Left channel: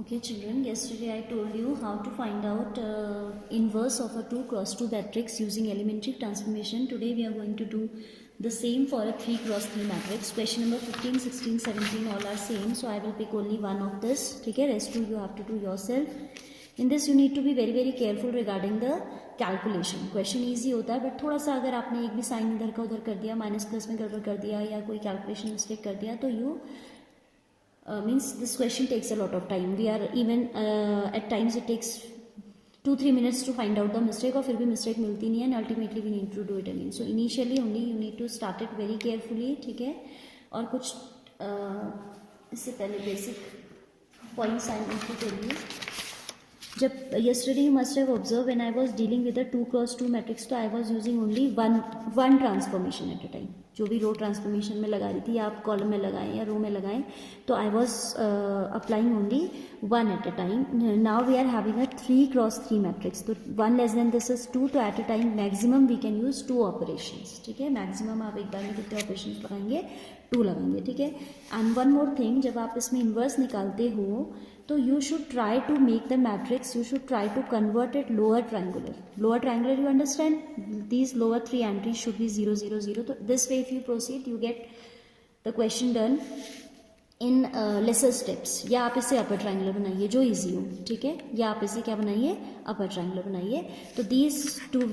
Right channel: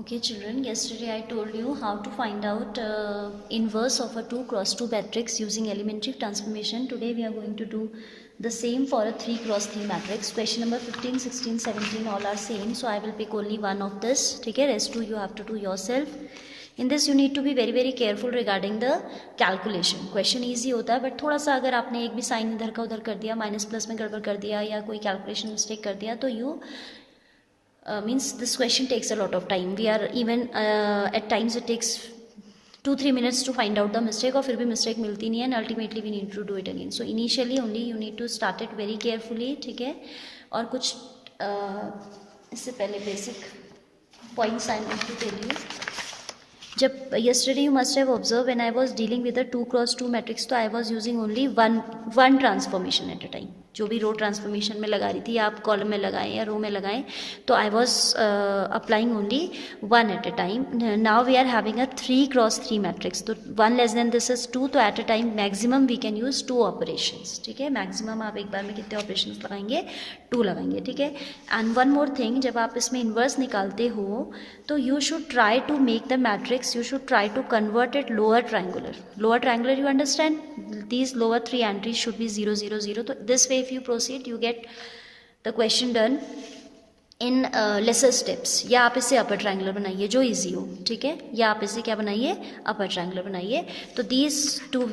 Okay children, yesterday I told you how to find out inverse of a 2 cross 2 matrix using elementary transformation. Today we are going to do the same for a 3 cross 3 matrix. Question number 15, 16, 17 all are same. So I will pick only one of this. Okay, rest two you have to do yourself. In this you need to be very careful regarding the calculation. Question easy होता है but थोड़ा सा अगर आपने एक भी sign इधर का उधर कर दिया, माइनस प्लस में गड़बड़ कर दिया या कोई कैलकुलेशन मिस्टेक कर दिया तो you means this question takes a lot of time. We are even at times it takes 2-3 minutes to find out the mistake और फिर भी mistake मिलती नहीं है and ultimately we need to do it again. So initially only you need to start it very carefully. ठीक है, और कुछ इससे पहले basic points I need to tell you. जब yesterday you must have observed when I was dealing with a 2 cross 2 matrix तो I was using only one transformation at a time. जो भी रो ट्रांसफॉर्मेशन में लगा रही थी या आप कॉलम में लगाएं या रो में लगाएं तो I was applying only one at a time. Now we are having a 3 cross 3 matrix तो 1 लेस देन दिस इज 2 तो at a time maximum we can use 2 operations. ठीक है, मैक्सिमम आप एक बार में कितने ऑपरेशंस लगाएंगे? 2 लगाएंगे. ठीक है, एंड वन मोर थिंग, जब आप इसमें इन्वर्स निकालते हो तो you should try to make the matrix, you should try to convert it lower triangular. Lower triangular you understand, these lower 3 entries should be 0 0 0. So this way if you proceed you get the question done in lesser steps. या आप इसे upper triangular बनाइए जो easy हो. ठीक है, या आप इसे क्या बनाइए? अपर ट्रायंगुलर बनाइए. तो these two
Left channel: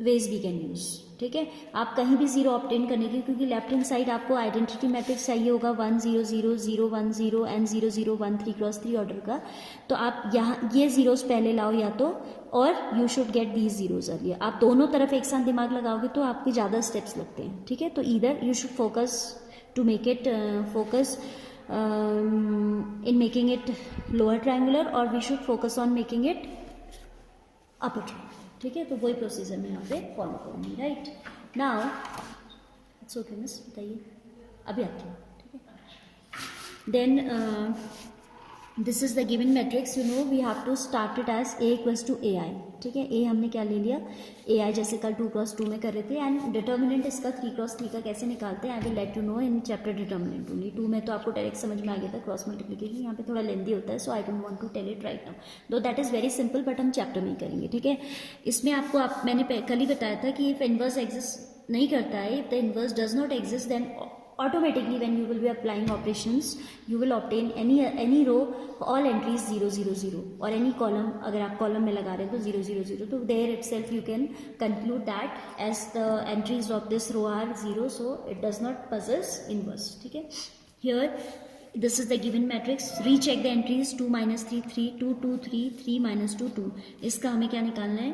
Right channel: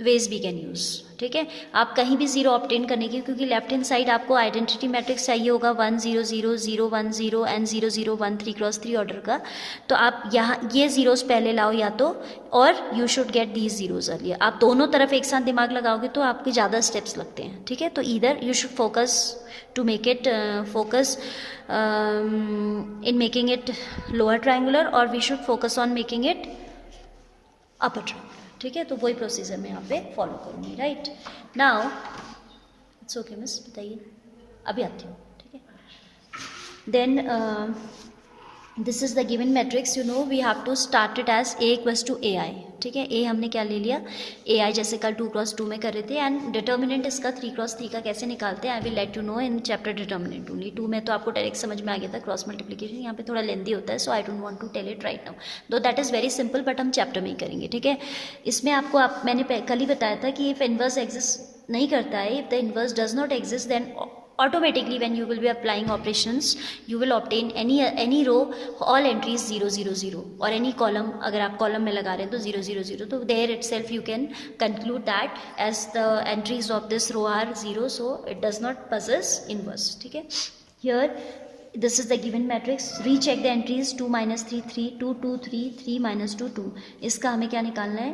ways we can use. ठीक है, आप कहीं भी जीरो ऑब्टेन करने की, क्योंकि लेफ्ट हैंड साइड आपको आइडेंटिटी मैट्रिक्स चाहिए होगा 1 0 0 0 1 0 एंड 0 0 1 3 क्रॉस 3 ऑर्डर का. तो आप यहाँ ये जीरोस पहले लाओ या तो, और you should get these zeros earlier. आप दोनों तरफ एक साथ दिमाग लगाओगे तो आपके ज़्यादा स्टेप्स लगते हैं. ठीक है, तो either you should focus to make it focus in making it lower triangular और we should focus on making it upper triangular. ठीक है, तो वही प्रोसीजर मैं यहाँ पे फॉलो करूँगी. Right now it's okay miss, बताइए अभी आती हूँ. ठीक है, then this is the given matrix. You know we have to start it as A equals to A I. ठीक है, ए हमने क्या ले लिया? ए आई, जैसे कल 2 क्रॉस 2 में कर रहे थे. एंड डिटर्मिनेंट इसका 3 क्रॉस 3 का कैसे निकालते हैं I will let you know in chapter determinant only. 2 में तो आपको डायरेक्ट समझ में आ गया था क्रॉस मल्टीप्लिकेशन. यहाँ पे थोड़ा लेंदी होता है, so I don't want to tell it right now, though that is very simple, but हम चैप्टर में ही करेंगे. ठीक है, इसमें आपको मैंने कल ही बताया था कि इफ इनवर्स एग्जिस्ट नहीं करता है, if the inverse does not exist then automatically when you will be applying operations you will obtain any row all entries 0 0 0 or any column. अगर आप कॉलम में लगा रहे हैं तो 0 0 0, तो there itself you can conclude that as the entries of this row are 0, so it does not possess inverse. ठीक है, here this is the given matrix. recheck the entries 2 - 3 3 2 2 3 3 - 2 2. इसका हमें क्या निकालना है?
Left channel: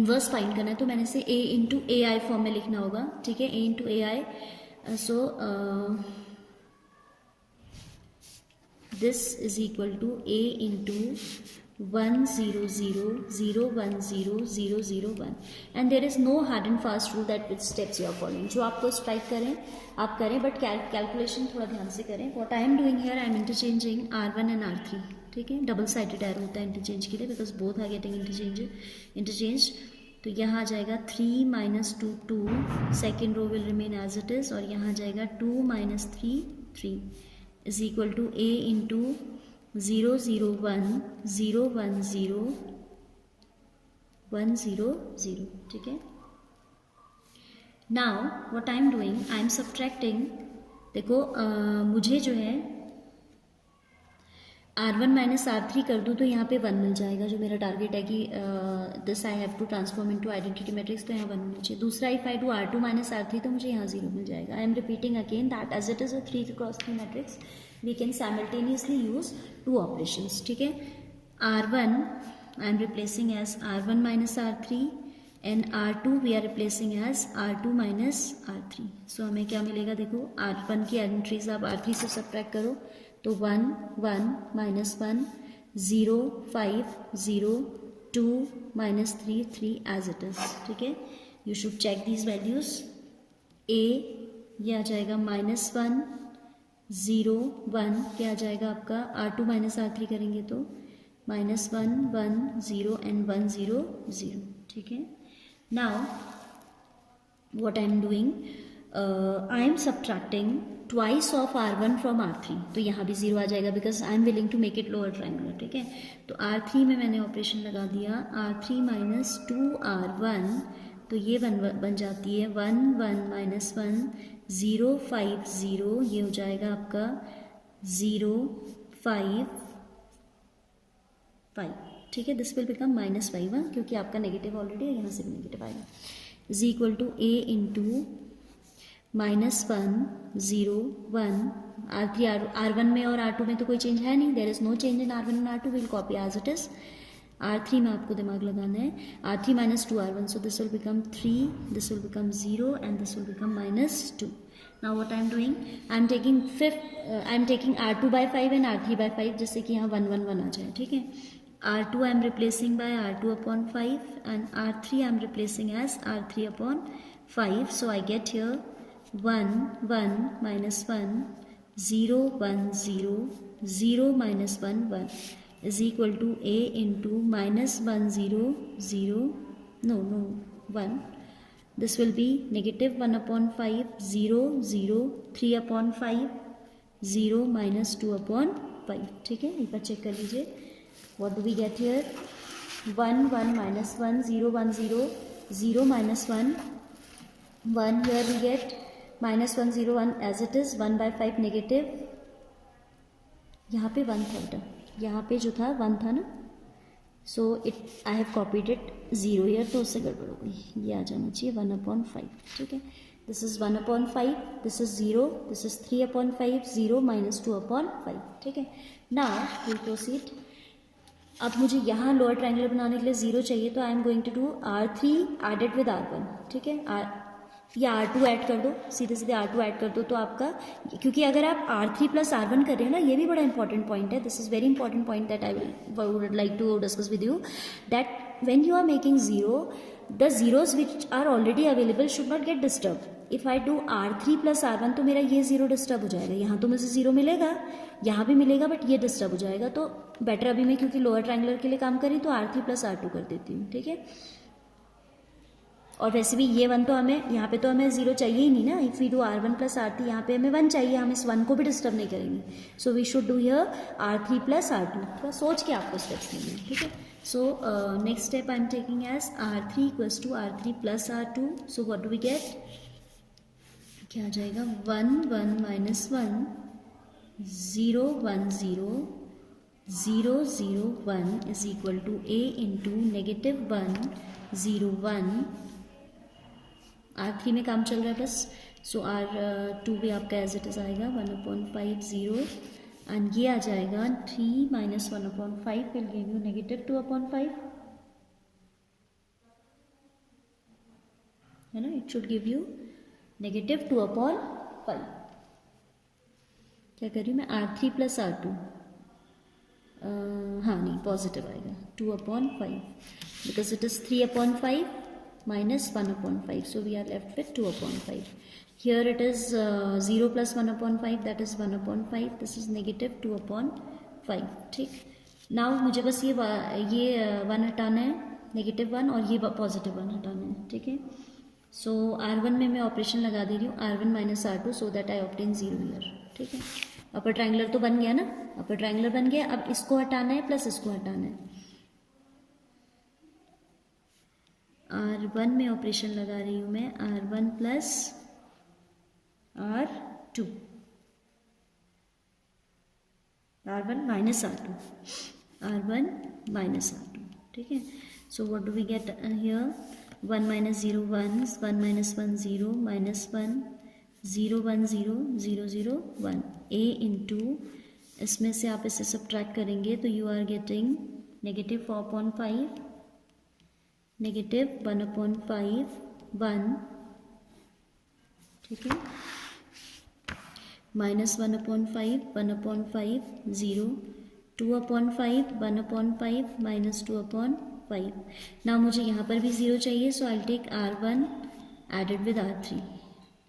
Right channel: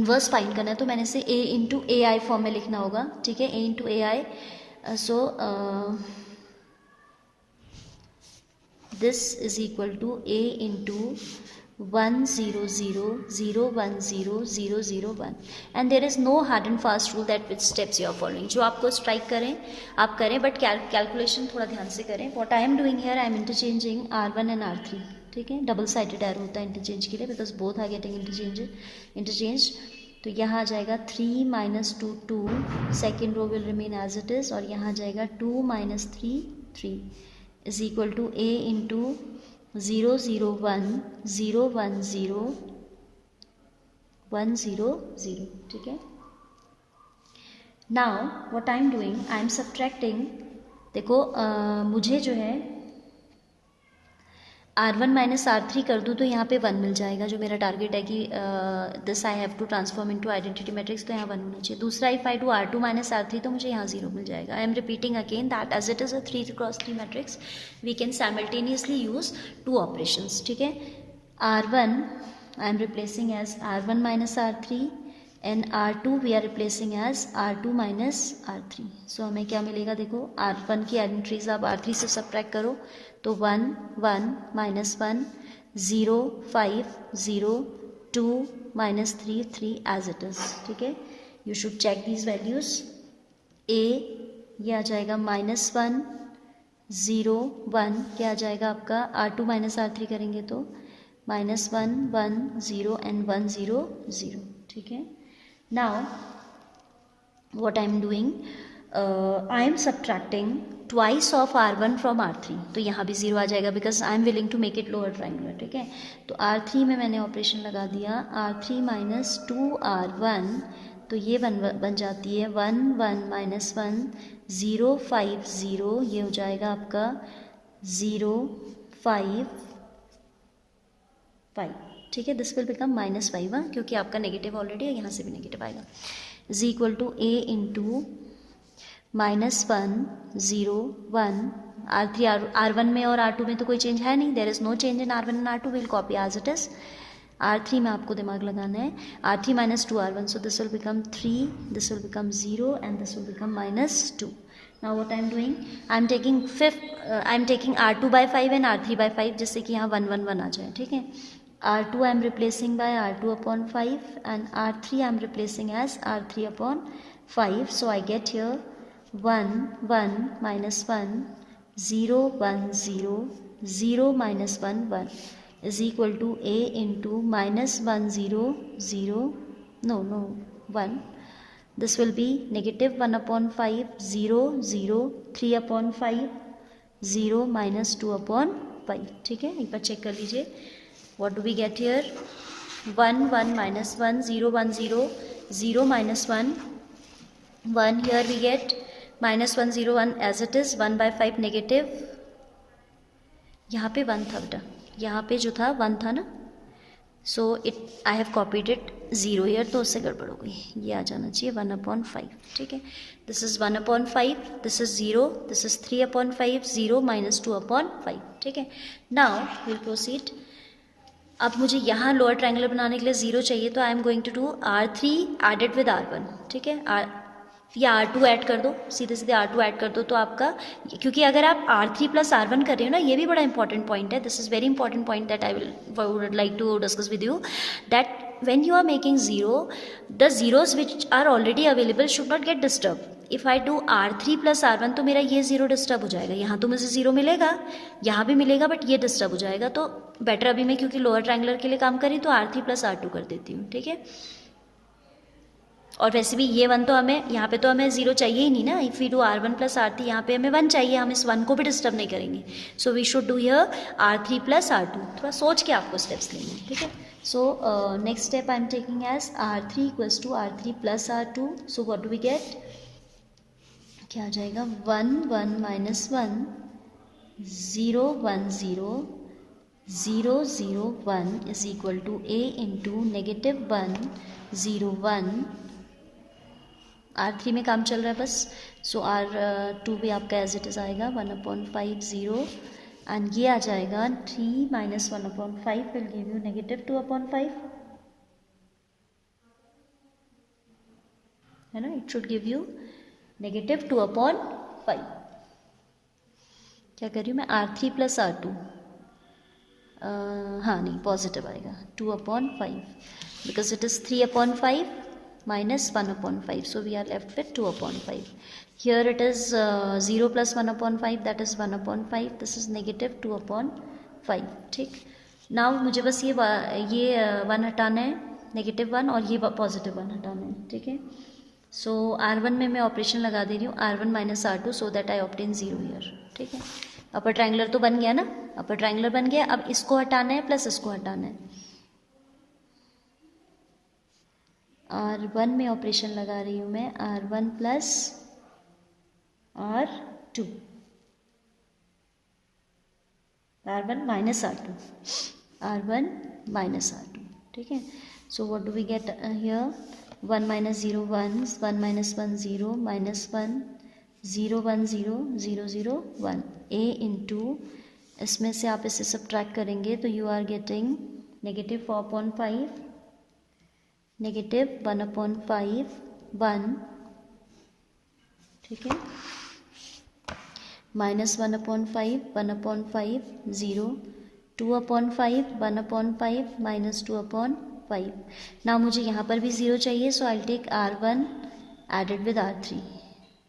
इन्वर्स फाइंड करना है. तो मैंने इसे a into A I form में लिखना होगा. ठीक है, a into A I. So this is equal to a into 1 0 0 0 1 0 0 0 1 and there is no hard and fast rule that which steps you are following. जो आपको स्ट्राइक करें आप करें, बट कैलकुलेशन थोड़ा ध्यान से करें. What I am doing here, I am interchanging R1 and R3. ठीक है, डबल साइडेड एरो होता है इंटरचेंज के लिए because both are getting interchange. तो यहाँ आ जाएगा 3 - 2 2, second row will remain as it is, और यहाँ आ जाएगा 2 - 3 3 is equal to a into 0 0 1 0 1 0 1 0 0. ठीक है, now what I am doing, I M subtracting. देखो मुझे जो है R1 - R3 कर दूँ तो यहाँ पे 1 मिल जाएगा. जो मेरा टारगेट है कि this I have to transform into identity matrix, तो यहाँ 1 मिलना चाहिए. दूसरा if I do R2 - R3 तो मुझे यहाँ 0 मिल जाएगा. I am repeating again that as it is a 3 cross 3 matrix we can simultaneously use 2 operations. ठीक है, R1 I am replacing as R1 - R3 and R2 we are replacing as R2 - R3. So हमें क्या मिलेगा? देखो R1 की entries आप R3 से subtract करो तो 1 1 -1 0 5 0 2 - 3 3 एज इट इज़. ठीक है, you should check these values. a ये आ जाएगा -1 0 1, क्या आ जाएगा आपका? R2 - R3 करेंगे तो -1 1 0 एंड 1 0 0. ठीक है, now what I am doing, I am subtracting twice of R1 from R3, तो यहाँ भी 0 आ जाएगा because I am willing to make it lower triangular, ठीक है। तो R3 में मैंने ऑपरेशन लगा दिया, R3 माइनस 2R1, तो ये बन जाती है 1 1 माइनस 1 0 5 0, ये हो जाएगा आपका 0 5 5, ठीक है। दिस विल बिकम -5 क्योंकि आपका नेगेटिव ऑलरेडी है, यहाँ से भी नेगेटिव आएगा। Is equal to A into -1 0 1 R3 R1 में और R2 में तो कोई चेंज है नहीं, there is no change in R1 and R2, will copy as it is. R3 में आपको दिमाग लगाना है, R3 minus 2R1, so this will become 3, this will become 0 and this will become -2। Now what I am doing, I am taking R2 by 5 and R3 by 5, जिससे कि यहाँ 1 1 1 आ जाए, ठीक है। R2 I am replacing by R2 upon 5 and R3 I am replacing as R3 upon 5. So I get here 1 1 minus 1 0 1 0 0 minus 1 1 is equal to A into minus 1 0 0 no 1. This will be negative 1 upon 5 0 0 3 upon 5 0 minus 2 upon 5, ठीक है। एक बार check कर लीजिए, what do we get here, 1 1 minus 1 0 1 0 0 minus 1 1, here we get minus 1 0 1 as it is, 1 by 5 negative, यहाँ पे 1 था बेटा, यहाँ पे जो था 1 था ना, so it I have copied it 0 year, तो उससे गड़बड़ हो गई, ये आ जाना चाहिए 1/5, ठीक है। This is 1/5, this is 0, this is 3/5 0 minus 2/5, ठीक है। Now will proceed. अब मुझे यहाँ लोअर ट्रायंगुलर बनाने के लिए 0 चाहिए, तो I am going to do R3 added with R1, ठीक है। या R2 ऐड कर दो, सीधे सीधे R2 ऐड कर दो, तो आपका, क्योंकि अगर आप R3 प्लस R1 कर रहे हो ना, ये भी बड़ा इंपॉर्टेंट पॉइंट है, this is very important point that I would like to discuss with you, that when you are making 0, the zeros which are already available should not get disturbed. If I do R3 plus R1, तो मेरा ये 0 disturb हो जाएगा, यहाँ तो मुझे 0 मिलेगा, यहाँ भी मिलेगा, बट ये डिस्टर्ब हो जाएगा, तो बेटर अभी मैं क्योंकि लोअर ट्रायंगुलर के लिए काम करी तो R3 plus R2 कर देती हूँ, ठीक है। और वैसे भी ये 1 तो हमें, यहाँ पे तो हमें 0 चाहिए ही नहीं ना, if we do R1 plus R3, यहाँ पे हमें 1 चाहिए, हम इस 1 को भी डिस्टर्ब नहीं करेंगे, so we should do here R3 plus R2, थोड़ा सोच के आपको स्टेप्स लेंगे, ठीक है। So next step I am taking as R3 equals to R3 plus R2. So what do we get? क्या आ जाएगा, 1 1 minus 1 0 1 0 0 0 1 is equal to A into negative 1 0 1. R3 में काम चल रहा है बस, so R2 भी आपका एज इट इज आएगा 1/5 0, एंड ये आ जाएगा 3 minus 1/5 will give you negative 2/5, है ना, it should give you negative 2/5। क्या कर रही हूँ मैं, R3 plus R2, हाँ नहीं, पॉजिटिव आएगा 2/5 because it is 3/5 minus 1/5, so we are left with 2/5. Here it is 0 plus 1/5, that is 1/5, this is negative 2/5, ठीक। now मुझे बस ये 1 हटाना है, नेगेटिव 1, और ये पॉजिटिव 1 हटाना है, ठीक है। सो R1 में मैं ऑपरेशन लगा दे रही हूँ, R1 minus R2, so that I obtain 0 year, ठीक है। अपर ट्रायंगुलर तो बन गया ना, अपर ट्रायंगुलर बन गया, अब इसको हटाना है प्लस इसको हटाना है। R1 में ऑपरेशन लगा रही हूँ मैं, R1 plus R2, R1 minus R2, R1 minus R2, ठीक है। So what do we get here, 1 minus 0 1, 1 minus 1 0, minus 1 0 1 0 0 0 1, A into, इसमें से आप इसे सब्ट्रैक्ट करेंगे तो you are getting negative 4/5, negative 1/5 1, ठीक है, minus 1/5 1/5 0, 2/5 1/5 minus 2/5। ना मुझे यहाँ पर भी 0 चाहिए, so I will take R1 added with R3,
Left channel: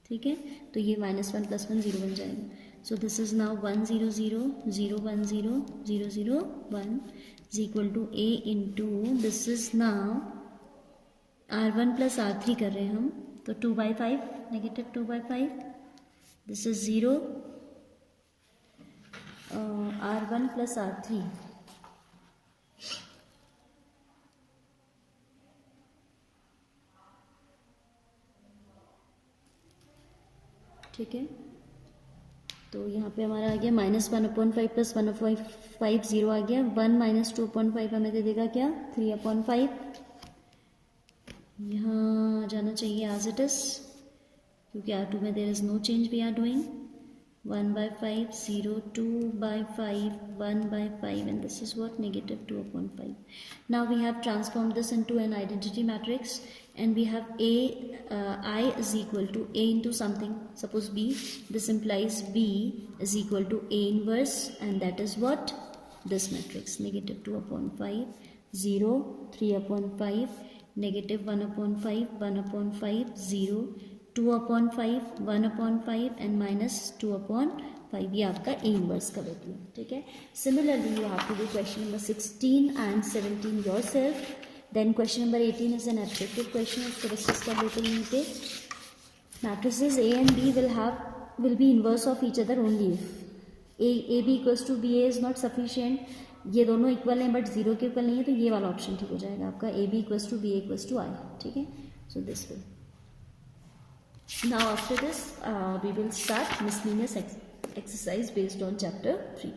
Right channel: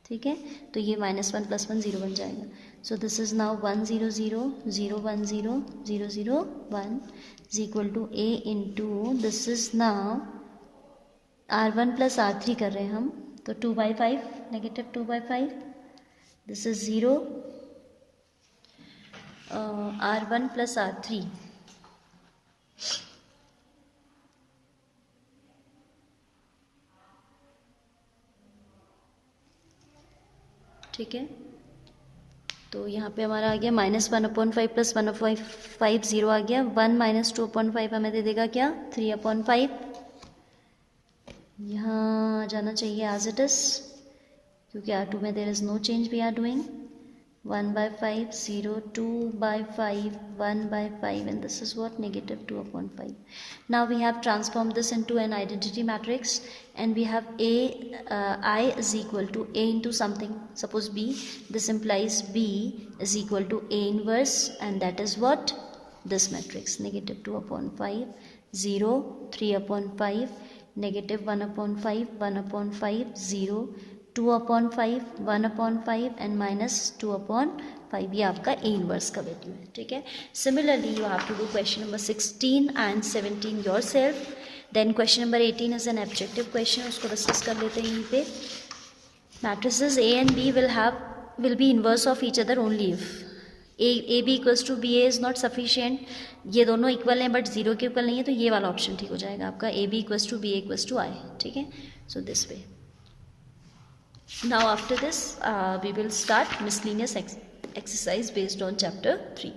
ठीक है, तो ये -1 + 1 0 बन जाएगा। So this is now 1 0 0 0 1 0 0 0 1 is equal to A into, this is now R1 plus R3 कर रहे हैं हम, तो 2/5 negative 2/5 this is 0 R1 plus R3, ठीक है। तो यहाँ पे हमारा आ गया -1/5 प्लस 1/5 0 आ गया, 1 - 2/5 हमें दे देगा क्या 3/5। यहाँ आ जाना चाहिए एज इट इज, क्योंकि R2 में there is no change, we are doing 1/5 0 2/5 1/5 and this is what -2/5. Now we have transformed this into an identity matrix and we have I is equal to A into something, suppose B. This implies B is equal to A inverse, and that is what this matrix, -2/5 0 3/5 -1/5 1/5 0 2/5 1/5 and -2/5, ये आपका A inverse का value है, ठीक है। Similarly you have to do question number 16 and 17 yourself. Then question number 18 is an objective question, उसको discuss कर लेते हैं यहीं पे। Matrices A and B will be inverse of each other only if AB equals to BA is not sufficient। ये दोनों equal हैं but zero के इक्वल नहीं है, तो ये वाला ऑप्शन ठीक हो जाएगा आपका, AB equals to BA equals to I, ठीक है। So this way. Now after this we will start miscellaneous exercise based on chapter 3.